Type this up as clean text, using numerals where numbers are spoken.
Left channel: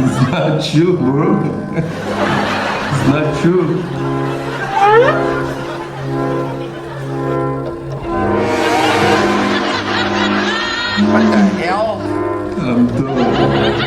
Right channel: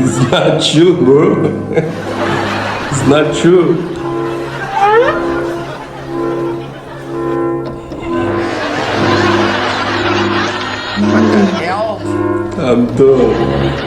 It's not true, bro. It's not true. What the hell? I'm done.